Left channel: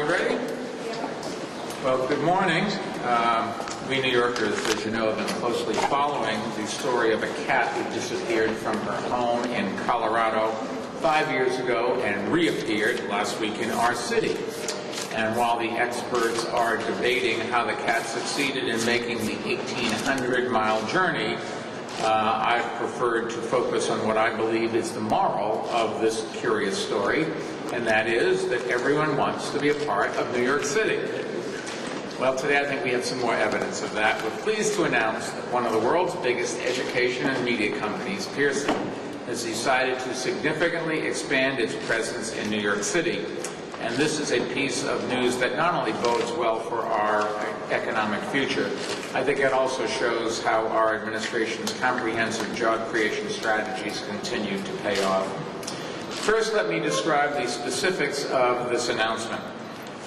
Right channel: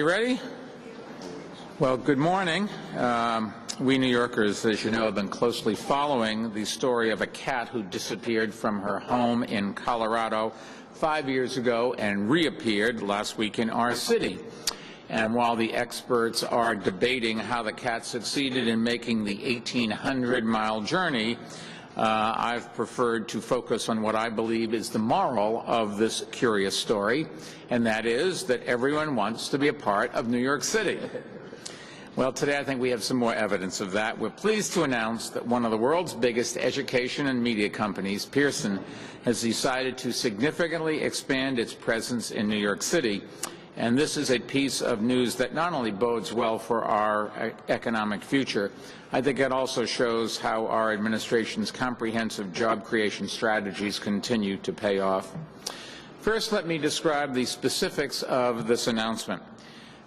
We ready? Well, good morning. We New Yorkers, as you know, have been closely following the story of a cat who disappeared from her home in Colorado 5 years ago and reappeared last week in our city. And while the experts are debating how the cat succeeded in making the 1,800-mile journey, I've preferred to focus on what I believe is the moral of this curious story, and that is that everyone wants to be a part of New York City. Well, today I think we have some more evidence of that. We're pleased to announce that one of the world's biggest education and media companies, Pearson, has decided to significantly expand its presence in New York City. And this is a piece of news that not only bodes well for our economic future, I think it also shows how our administration's comprehensive job creation strategies continue to pay off. First, let me describe the specifics of this announcement.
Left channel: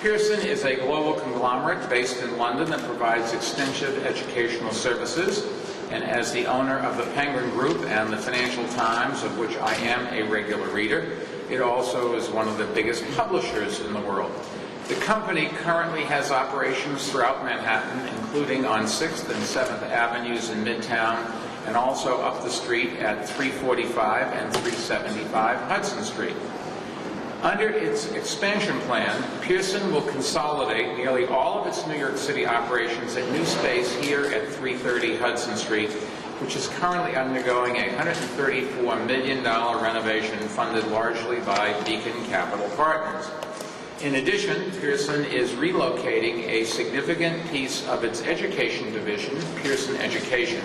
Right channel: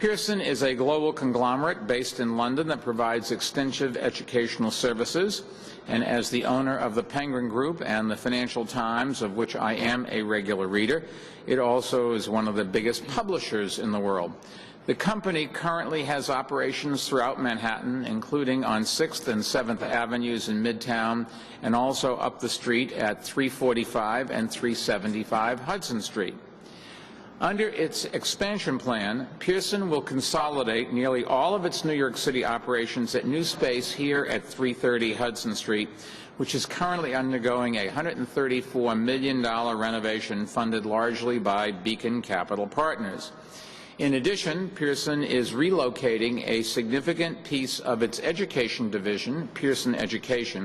Pearson is a global conglomerate based in London that provides extensive educational services, and as the owner of the Penguin Group and the Financial Times, of which I am a regular reader, it also is one of the biggest publishers in the world. The company currently has operations throughout Manhattan, including on 6th and 7th Avenues in Midtown, and also up the street at 345 and 375 Hudson Street. Under its expansion plan, Pearson will consolidate nearly all of its New York City operations at new space here at 330 Hudson Street, which is currently undergoing a $134 million renovation funded largely by Beacon Capital Partners. In addition, Pearson is relocating a significant piece of its education division, Pearson Education,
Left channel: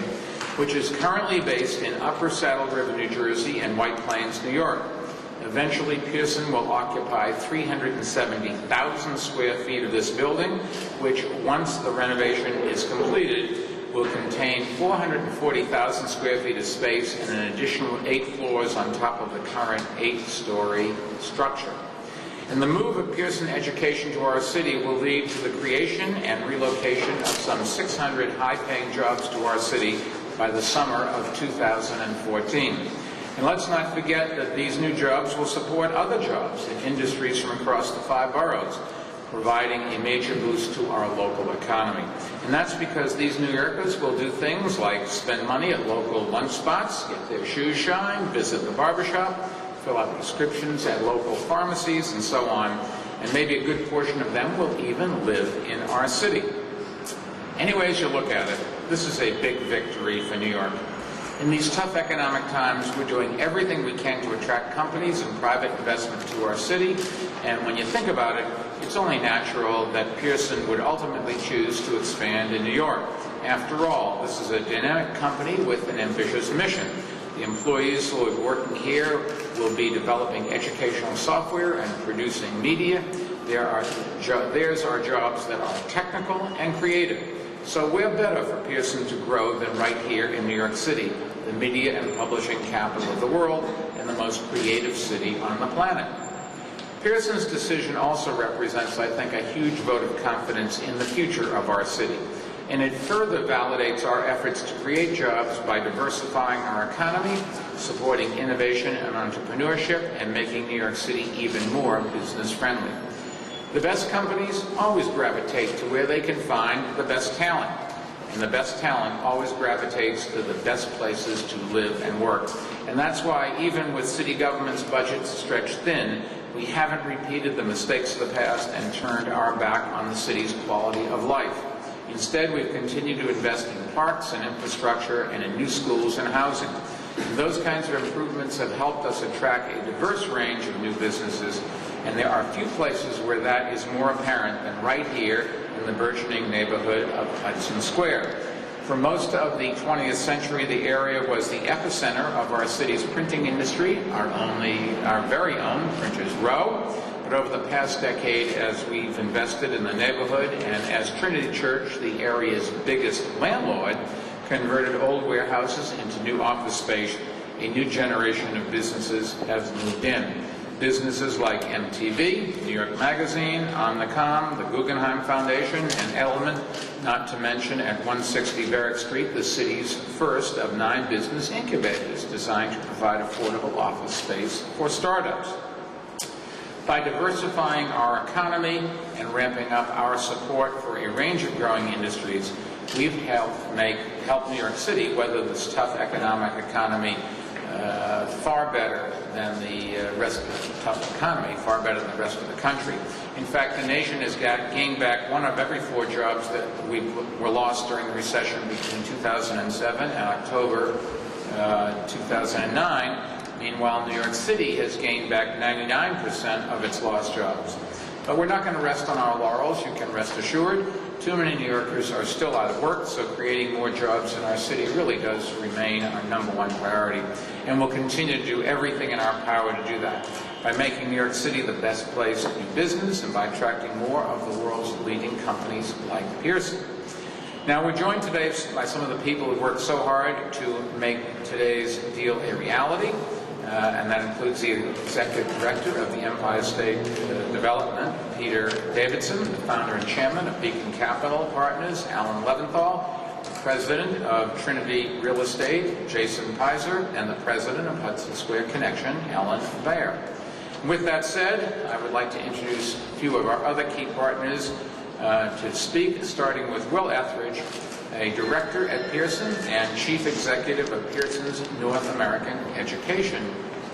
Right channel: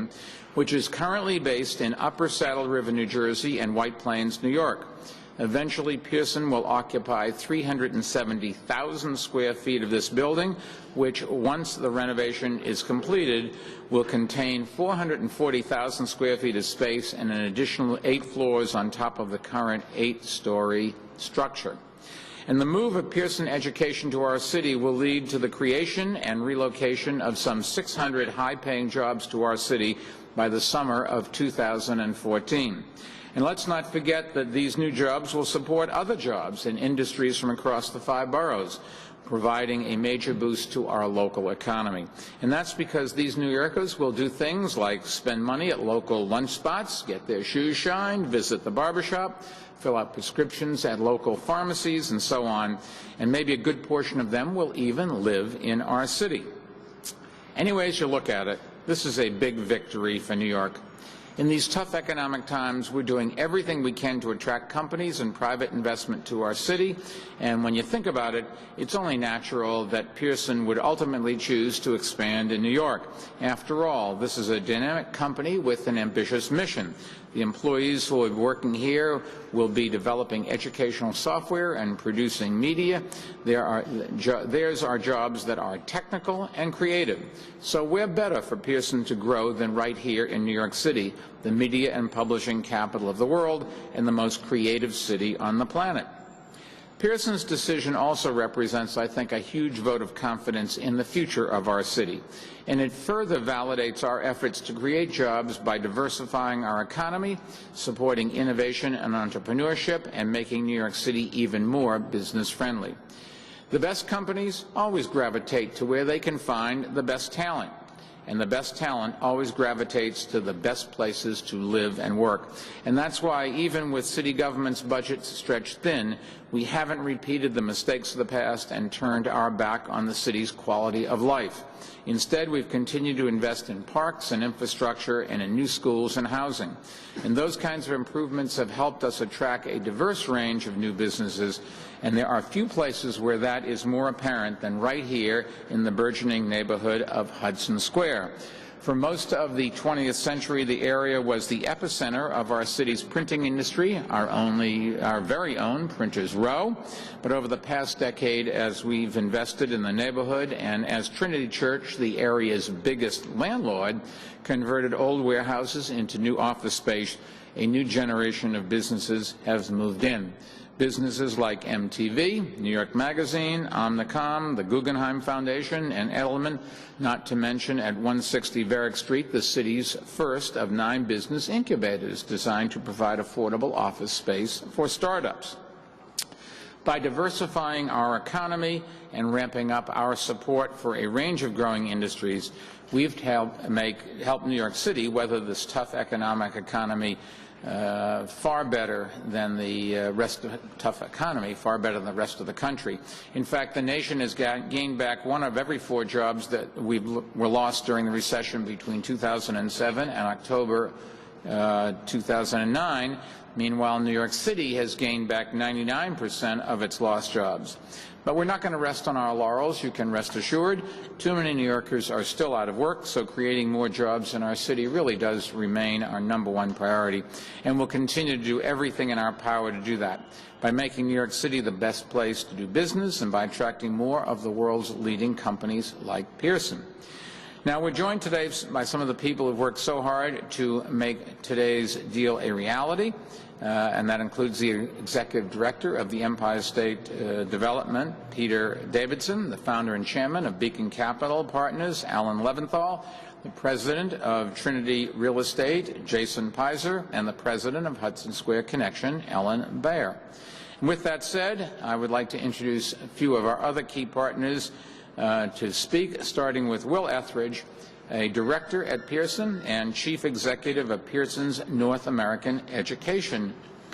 which is currently based in Upper Saddle River, New Jersey, and White Plains, New York. Eventually, Pearson will occupy 370,000 square feet of this building, which, once the renovation is completed, will contain 440,000 square feet of space and an additional 8 floors on top of the current 8-story structure. And the move of Pearson Education to our city will lead to the creation and relocation of some 600 high-paying jobs to our city by the summer of 2014. And let's not forget that these new jobs will support other jobs in industries from across the 5 boroughs, providing a major boost to our local economy. And that's because these New Yorkers will do things like spend money at local lunch spots, get their shoes shined, visit the barbershop, fill out prescriptions at local pharmacies, and so on. And maybe a good portion of them will even live in our city. Any ways you look at it, this is a big victory for New York. In these tough economic times, we're doing everything we can to attract companies and private investment to our city. And when you think about it, it's only natural that Pearson would ultimately choose to expand in New York. After all, this is a dynamic company with an ambitious mission. The employees who are working here will be developing educational software and producing media. Theirs are jobs that are technical and creative. So where better for Pearson to grow than right here in New York City, the media and publishing capital of the world and the most creative city on the planet? Pearson's decision also represents, I think, a huge vote of confidence in the future of our city. And it further validates our efforts to create jobs by diversifying our economy, supporting innovation and entrepreneurship, and making New York City even more business-friendly. The best companies always gravitate to where they can find the best talent, and the best talent always gravitates to the best places to live and work. And that's why, even with city government's budgets stretched thin, we haven't repeated the mistakes of the past and turned our back on the city's quality of life. Instead, we've continued to invest in parks and infrastructure and in new schools and housing. And those kinds of improvements have helped us attract a diverse range of new businesses, and there are few places where that is more apparent than right here in the burgeoning neighborhood of Hudson Square. For most of the 20th century, the area was the epicenter of our city's printing industry, our very own Printers Row. But over the past decade, as we've invested in the neighborhood and as Trinity Church, the area's biggest landlord, converted old warehouses into new office space, a new generation of businesses has moved in. Businesses like MTV, New York Magazine, Omnicom, the Guggenheim Foundation, and Element, not to mention at 160 Varick Street, the city's first of 9 business incubators designed to provide affordable office space for startups. By diversifying our economy and ramping up our support for a range of growing industries, we've helped New York City weather this tough economic economy far better than the rest of the tough economy, far better than the rest of the country. In fact, the nation has gained back 1 of every 4 jobs that were lost during the recession between 2007 and October 2009. Meanwhile, New York City has gained back 99% of its lost jobs. But we're not going to rest on our laurels, you can rest assured. Too many New Yorkers are still out of work, so creating more jobs in our city really does remain our #1 priority. And we'll continue to do everything in our power to do that by making New York City the best place to do business and by attracting more of the world's leading companies like Pearson. Now, we're joined today by some of the people who worked so hard to make today's deal a reality. And that includes the Executive Director of the Empire State Development, Peter Davidson, the Founder and Chairman of Beacon Capital Partners, Alan Leventhal, the President of Trinity Real Estate, Jason Pizer, and the President of Hudson Square Connection, Ellen Bayer. With that said, I would like to introduce a few of our other key partners to speak, starting with Will Etheridge, a director at Pearson and chief executive of Pearson's North American Education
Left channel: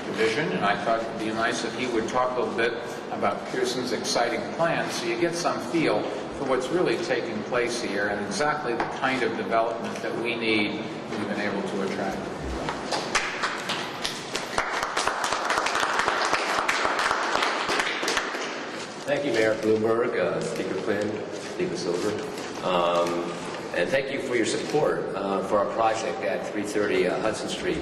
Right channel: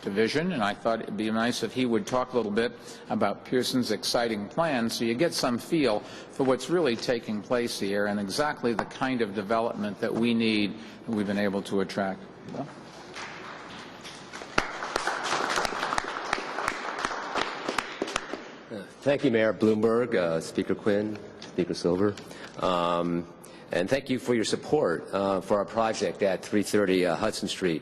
Division. And I thought it would be nice if he would talk a little bit about Pearson's exciting plans so you get some feel for what's really taking place here and exactly the kind of development that we need and we've been able to attract. Thank you, Mayor Bloomberg, Speaker Quinn, Speaker Silver. And thank you for your support for our project at 330 Hudson Street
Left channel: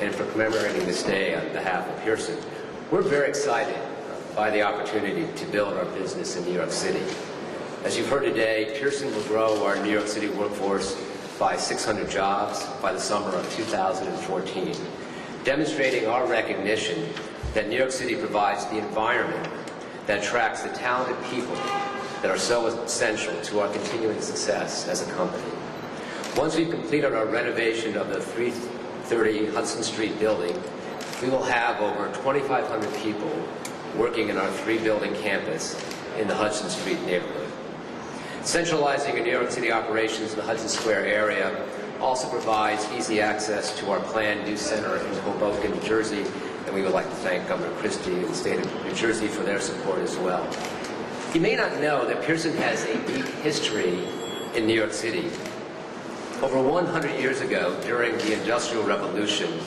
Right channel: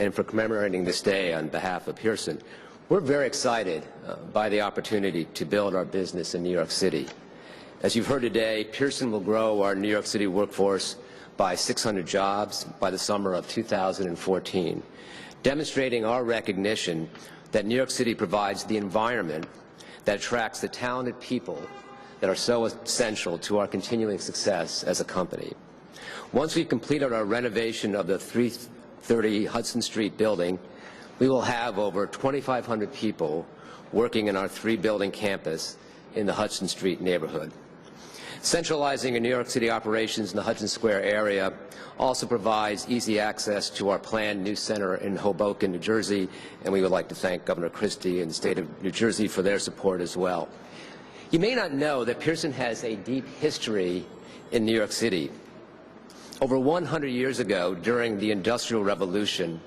and for commemorating this day on behalf of Pearson. We're very excited by the opportunity to build our business in New York City. As you've heard today, Pearson will grow our New York City workforce by 600 jobs by the summer of 2014, demonstrating our recognition that New York City provides the environment that attracts the talented people that are so essential to our continuing success as a company. Once we've completed our renovation of the 330 Hudson Street building, we will have over 2,500 people working in our 3-building campus in the Hudson Street neighborhood. Centralizing our New York City operations in the Hudson Square area also provides easy access to our planned new center in Hoboken, New Jersey, and we would like to thank Governor Christie and the state of New Jersey for their support as well. You may not know that Pearson has a deep history in New York City. Over 100 years ago, during the Industrial Revolution,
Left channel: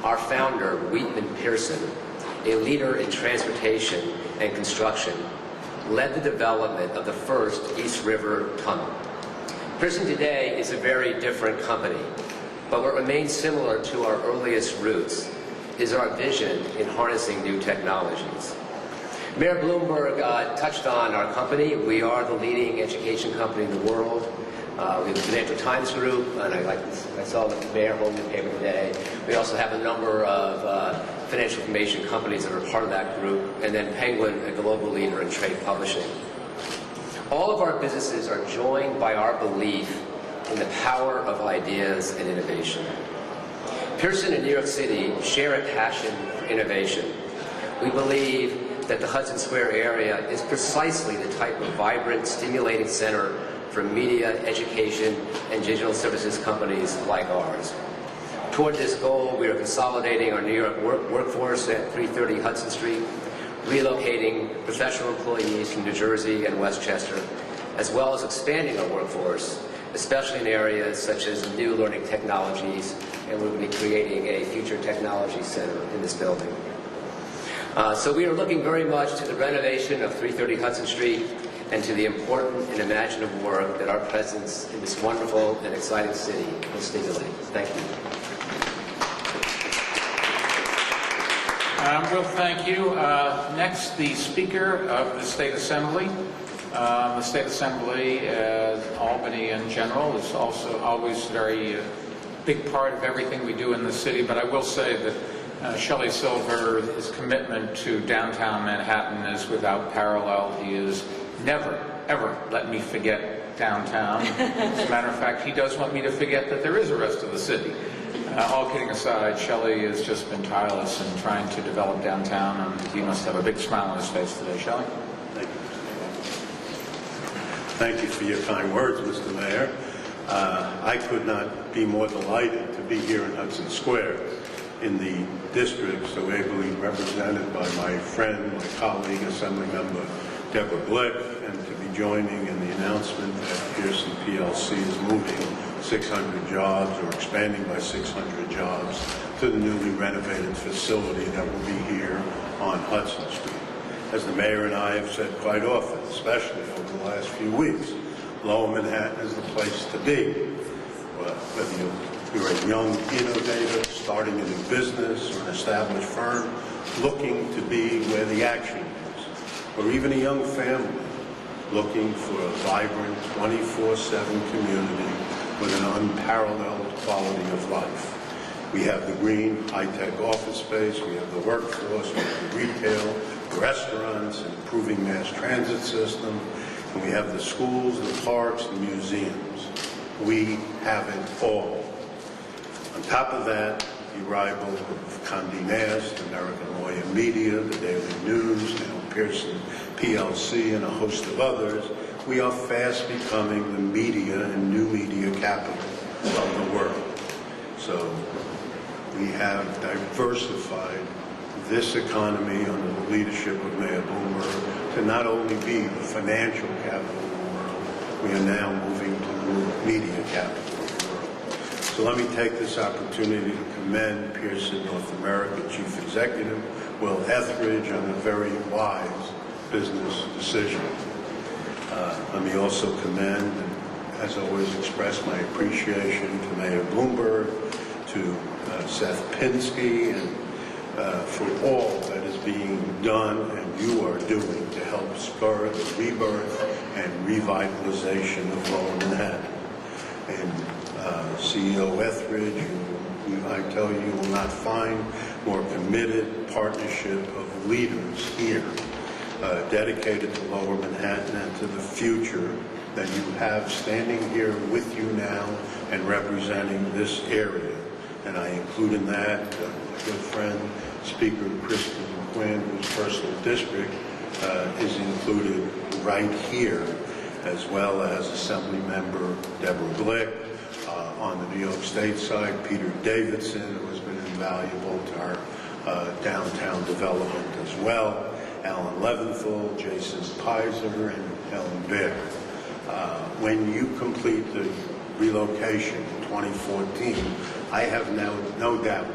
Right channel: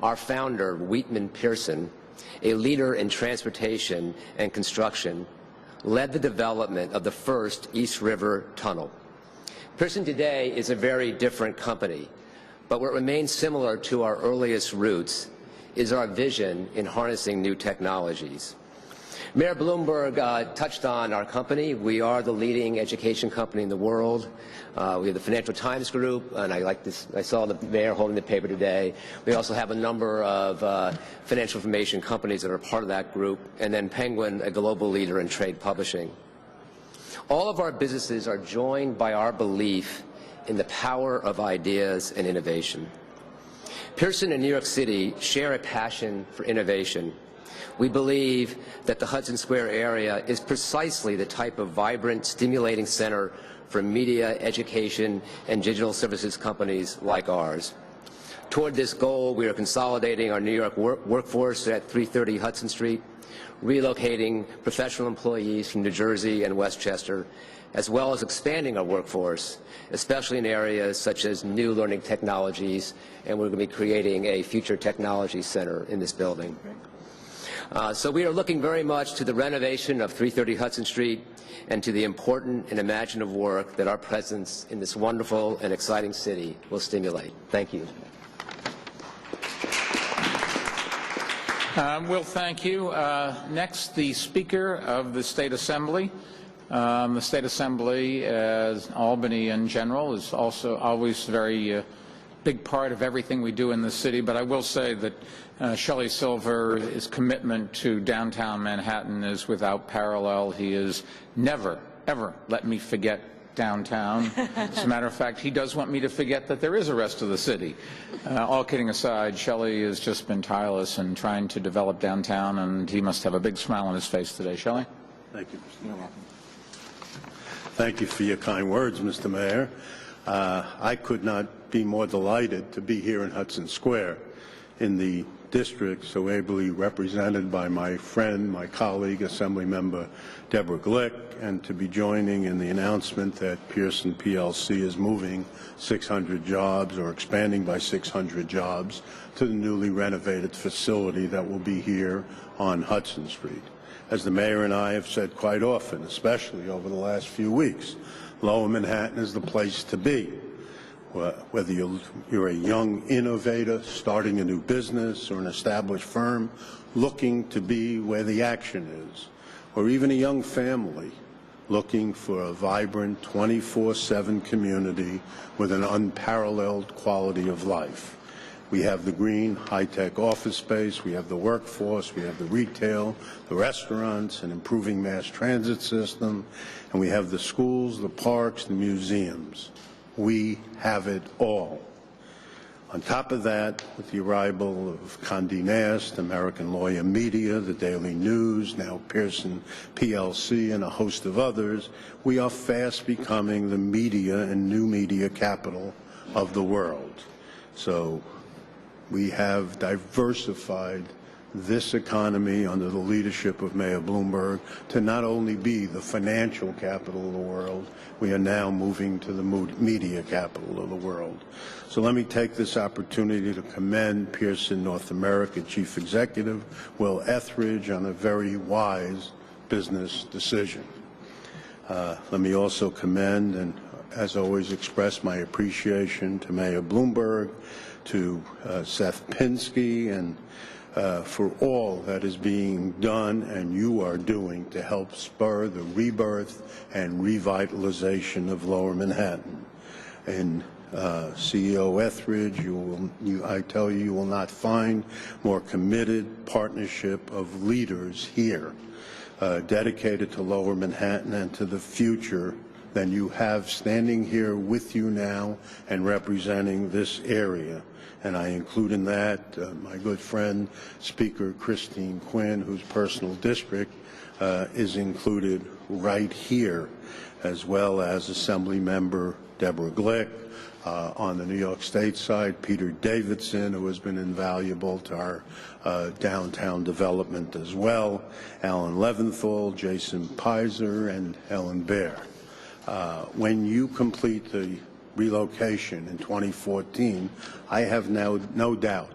our founder, Wheatman Pearson, a leader in transportation and construction, led the development of the first East River Tunnel. Pearson today is a very different company, but what remains similar to our earliest roots is our vision in harnessing new technologies. Mayor Bloomberg touched on our company. We are the leading education company in the world. We have the Financial Times Group, and I saw the mayor holding the paper today. We also have a number of financial information companies that are part of that group, and then Penguin, a global leader in trade publishing. All of our businesses are joined by our belief in the power of ideas and innovation. Pearson and New York City share a passion for innovation. We believe that the Hudson Square area is precisely the type of vibrant, stimulating center for media, education, and digital services companies like ours. Toward this goal, we are consolidating our New York workforce at 330 Hudson Street, relocating professional employees from New Jersey and Westchester, as well as expanding our workforce, especially in areas such as new learning technologies, and we're going to be creating a future technology center in this building. So we are looking very much to the renovation of 330 Hudson Street and to the important and imaginative work that our presence in this wonderful and exciting city will stimulate. Thank you. Well, thank you. Next, the Speaker of the State Assembly. The State Assembly, Albany in general, is also always very big part of everything we do in the city, but I will say that Shelley Silver's commitment to downtown Manhattan is without parallel. He has never, ever let me forget downtown. As a matter of fact, he does want me to forget that there is a rest of the city. All kidding aside, Shelley has just been tireless in trying to develop downtown, and he must have a big smile on his face today. Shelley? Thank you, Mr. Mayor. Thank you for your kind words, Mr. Mayor. I could not be more delighted to be here in Hudson Square in the district so ably represented by my friend, my colleague, Assemblymember Deborah Glick, and to be joining in the announcement that Pearson PLC is moving 600 jobs or expanding by 600 jobs to the newly renovated facility that will be here on Hudson Street. As the mayor and I have said quite often, especially over the last few weeks, Lower Manhattan is the place to be. Whether you're a young innovator starting a new business or an established firm looking to be where the action is, or even a young family looking for a vibrant 24/7 community with an unparalleled quality of life. We have the green, high-tech office space, we have the workforce, we have the retail, the restaurants, an improving mass transit system, and we have the schools, the parks, the museums. We have it all. On top of that, with the arrival of Condé Nast, American Lawyer Media, the Daily News, now Pearson PLC, and a host of others, we are fast becoming the media and new media capital of the world. So we have diversified this economy under the leadership of Mayor Bloomberg to not only be the financial capital of the world, we are now moving to the new media capital of the world. So let me take this opportunity to commend Pearson North America Chief Executive Will Etheridge on a very wise business decision. Let me also commend and, as always, express my appreciation to Mayor Bloomberg, to Seth Pinsky, and for all that is being done and you are doing to help spur the rebirth and revitalization of Lower Manhattan. And CEO Etheridge, I tell you, you will not find more committed partnership of leaders here dedicated to Lower Manhattan and to the future than you have standing here with you now and representing this area. And I include in that my good friend, Speaker Christine Quinn, whose personal district is included right here, as well as Assembly Member Deborah Glick. On the New York State side, Peter Davidson, who has been invaluable to our downtown development as well, Alan Leventhal, Jason Pizer, and Ellen Baer. When you complete the relocation in 2014, I have now no doubt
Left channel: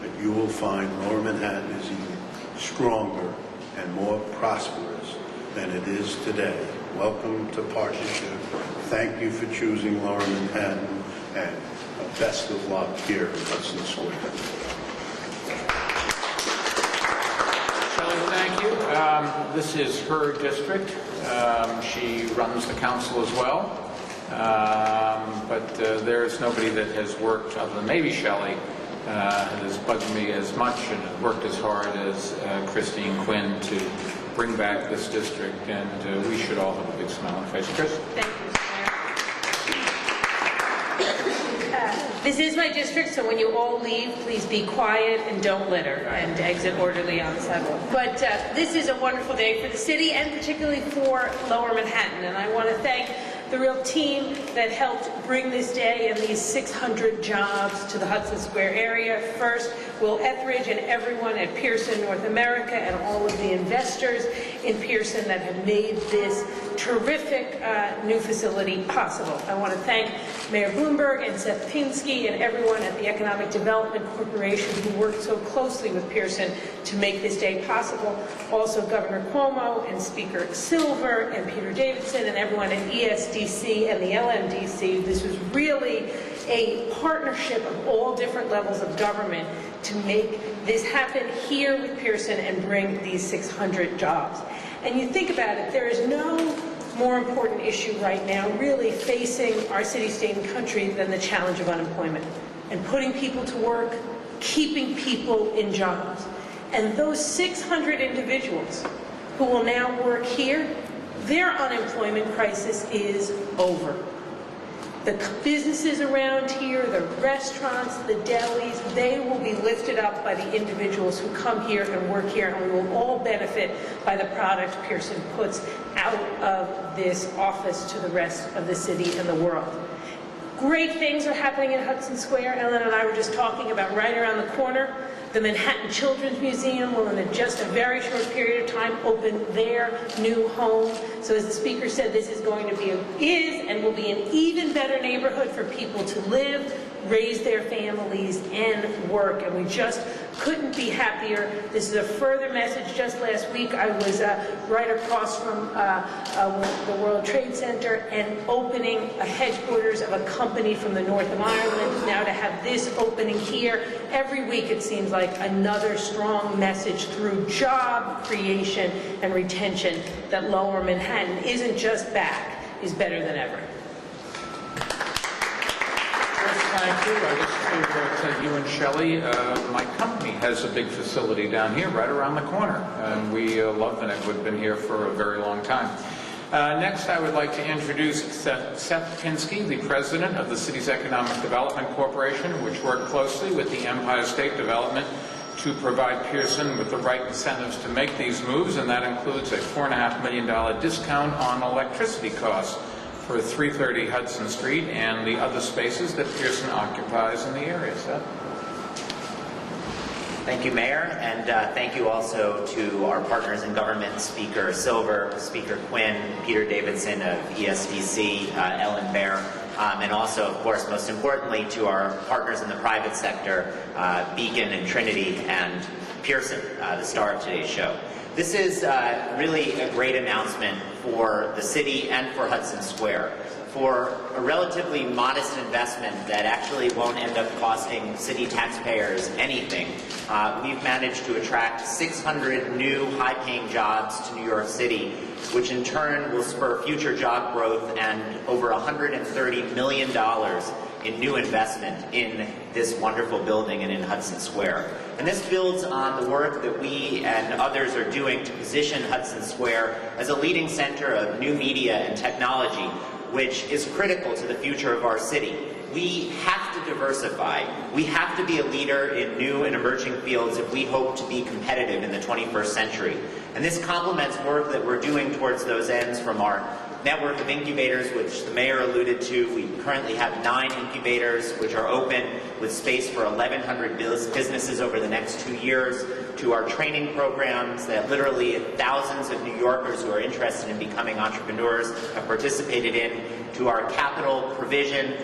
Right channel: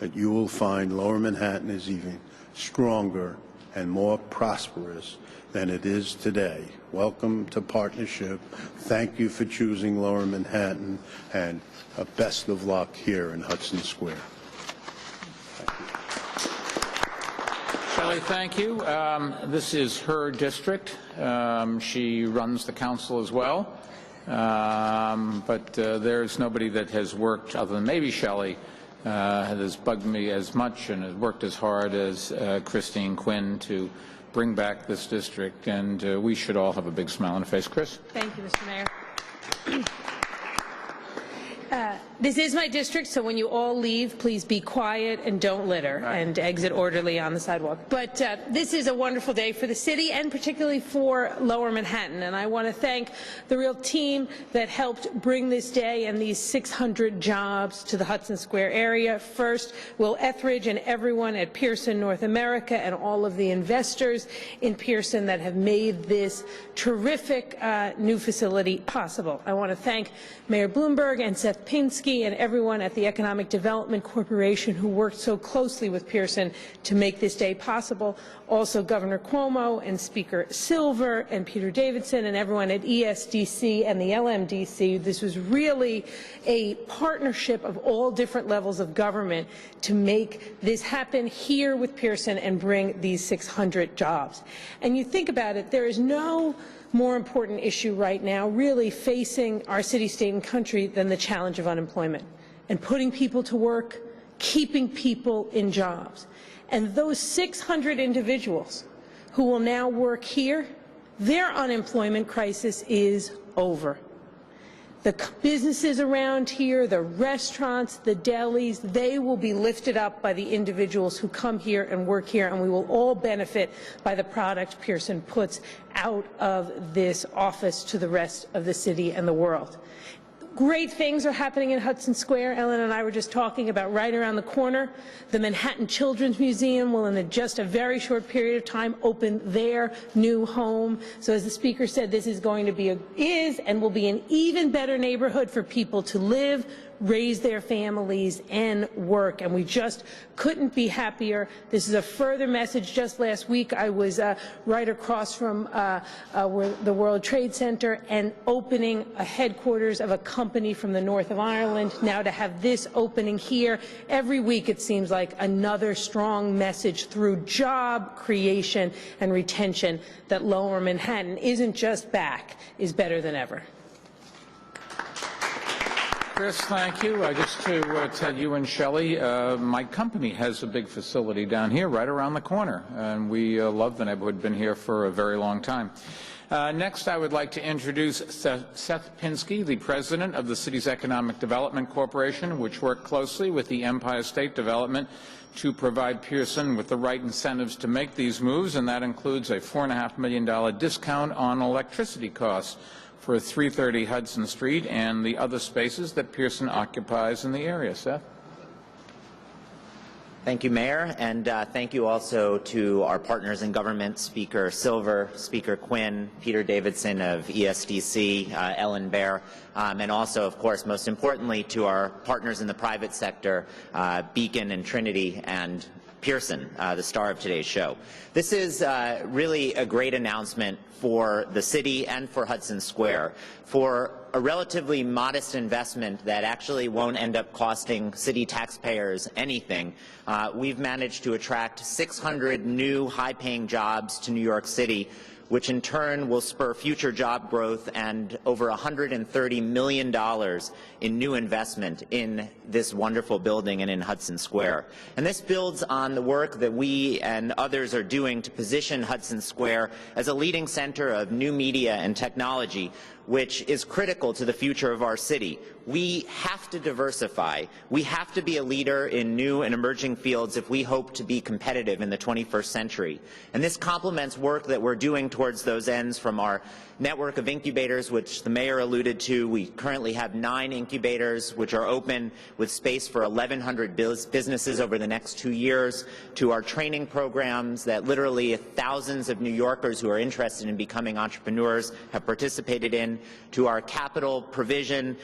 that you will find Lower Manhattan is even stronger and more prosperous than it is today. Welcome to partnership. Thank you for choosing Lower Manhattan, and best of luck here in Hudson Square. Shelley, thank you. This is her district. She runs the council as well. But there's nobody that has worked, other than maybe Shelley, that has bugged me as much and has worked as hard as Christine Quinn to bring back this district, and we should all have a big smile on our face. Chris? Thank you, Mr. Mayor. This is my district, so when you all leave, please be quiet and don't litter, and exit orderly on the sidewalk. But this is a wonderful day for the city and particularly for Lower Manhattan, and I want to thank the real team that helped bring this day and these 600 jobs to the Hudson Square area. First, Will Etheridge and everyone at Pearson North America and all of the investors in Pearson that have made this terrific new facility possible. I want to thank Mayor Bloomberg and Seth Pinsky and everyone at the Economic Development Corporation who worked so closely with Pearson to make this day possible. Also Governor Cuomo and Speaker Silver and Peter Davidson and everyone at ESDC and the LMDC. This was really a partnership of all different levels of government to make this happen here with Pearson and bring these 600 jobs. And you think about it, there is no more important issue right now really facing our city, state, and country than the challenge of unemployment and putting people to work, keeping people in jobs. And those 600 individuals who will now work here, their unemployment crisis is over. The businesses around here, the restaurants, the delis, they will be lifted up by the individuals who come here and work here, and we will all benefit by the product Pearson puts out of this office to the rest of the city and the world. Great things are happening in Hudson Square. Ellen and I were just talking about right around the corner. The Manhattan Children's Museum will, in just a very short period of time, open their new home. So as the speaker said, this is going to be, and will be an even better neighborhood for people to live, raise their families, and work. And we just couldn't be happier. This is a further message. Just last week, I was right across from the World Trade Center and opening a headquarters of a company from the north of Ireland. Now to have this opening here, every week it seems like another strong message through job creation and retention that Lower Manhattan isn't just back, is better than ever. Yes, thank you. Just to tell you and Shelley, my company has a big facility down here right around the corner, and we love the neighborhood. We've been here for a very long time. Next, I would like to introduce Seth Pinsky, the president of the city's Economic Development Corporation, which worked closely with the Empire State Development to provide Pearson with the right incentives to make these moves, and that includes a $4.5 million discount on electricity costs for 330 Hudson Street and the other spaces that Pearson occupies in the area. Seth? Thank you, Mayor, and thank you also to our partners in government, Speaker Silver, Speaker Quinn, Peter Davidson of ESDC, Ellen Baer, and also, of course, most importantly, to our partners in the private sector, Beacon and Trinity and Pearson, the star of today's show. This is really a great announcement for the city and for Hudson Square. For a relatively modest investment that actually won't end up costing city taxpayers anything, we've managed to attract 600 new high-paying jobs to New York City, which in turn will spur future job growth and over $130 million in new investment in this wonderful building and in Hudson Square. And this builds on the work that we and others are doing to position Hudson Square as a leading center of new media and technology, which is critical to the future of our city. We have to diversify. We have to be a leader in new and emerging fields if we hope to be competitive in the 21st century. And this complements work that we're doing towards those ends from our network of incubators, which the mayor alluded to. We currently have 9 incubators which are open with space for 1,100 businesses over the next 2 years, to our training programs that literally thousands of New Yorkers who are interested in becoming entrepreneurs have participated in, to our capital provision,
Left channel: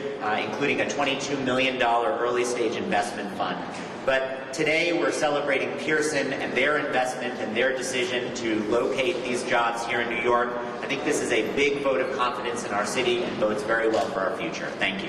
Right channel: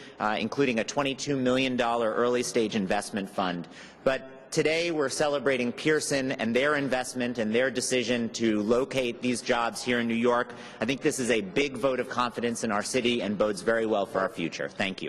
including a $22 million early stage investment fund. But today we're celebrating Pearson and their investment and their decision to locate these jobs here in New York. I think this is a big vote of confidence in our city and bodes very well for our future. Thank you.